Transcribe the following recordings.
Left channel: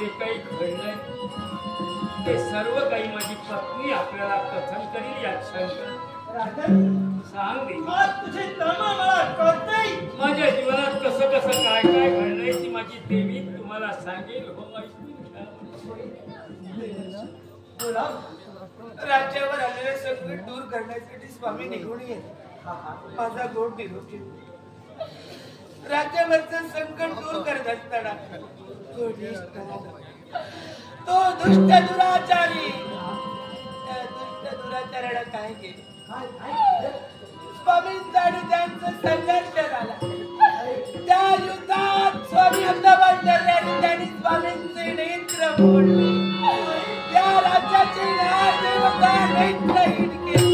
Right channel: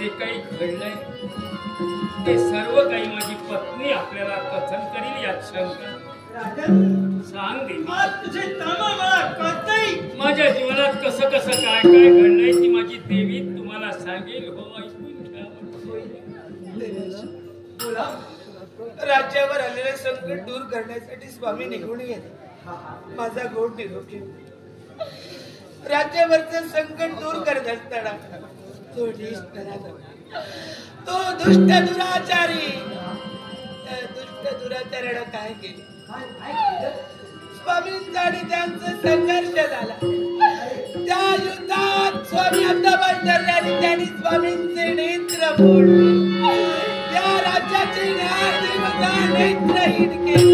जे काही घडलंय ते सर्व काही माझी पत्नी आपल्याला कथन करील यात शंका. सांग देवी, तुझे तळमळ मला कळतंय. माझ्या जीवनात कसं कसं काय काय घडलंय ती माझी देवी तुम्हाला सांगेल. हो, ऐकून घ्या. बोला. राज्यावर आलेले संकट दूर करण्यासाठी स्वामी निघून येत. माझा गोड निरोप घेऊन राज्यावरचं संकट दूर करत असताना तो दुष्ट दुराचारी दुष्ट दुराचार्यानं काय केलं? स्वामींचा आणि त्यांचा संघर्ष झाला. त्या युद्धात स्वामी अहमदाबाद आणि त्यांनी स्वामींचे नेत्र फोडले. त्या राज्याचे न्यायदेवता नेत्रहीन केले.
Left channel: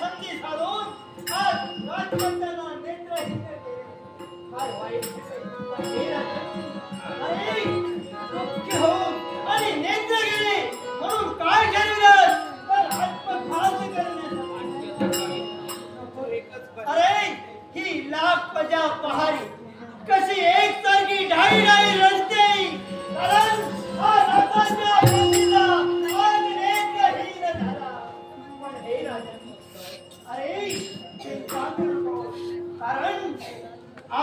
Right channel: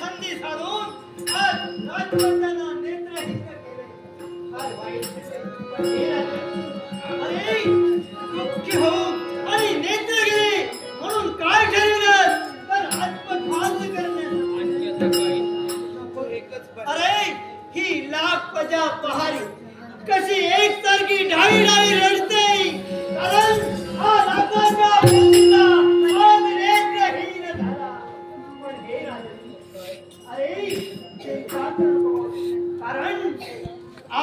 संधी साधून आज राजवंतांना नेत्रहीन केले. काय वाईट दुःखी हो आणि नेत्र गेले म्हणून काय ठरवलं? पण आत्मघात करण्यासाठी. अरे ही लाख प्रजा पहाडी कशी एकसारखी ढाळी ढाळी रडते. कारण हा राजाचा पतीचा आज नेत्रहीन झाला. पण हे राजा, अरे चिंता करू नको. कारण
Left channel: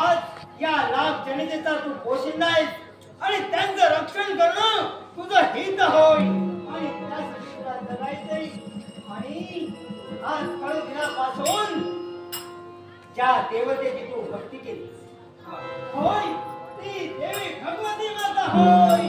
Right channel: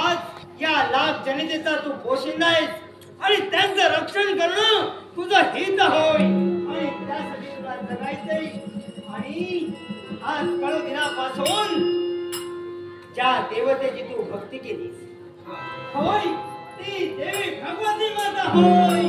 आज या लाख जनतेचा तू पोशिंदा आहेस आणि त्यांचं रक्षण करणं तुझं हित होय. आणि त्यासाठी तुला जगायचंय. आणि आज कळू दिनापासून ज्या देवतेची तू भक्ती केली होय ती देवी भगवती माता होय.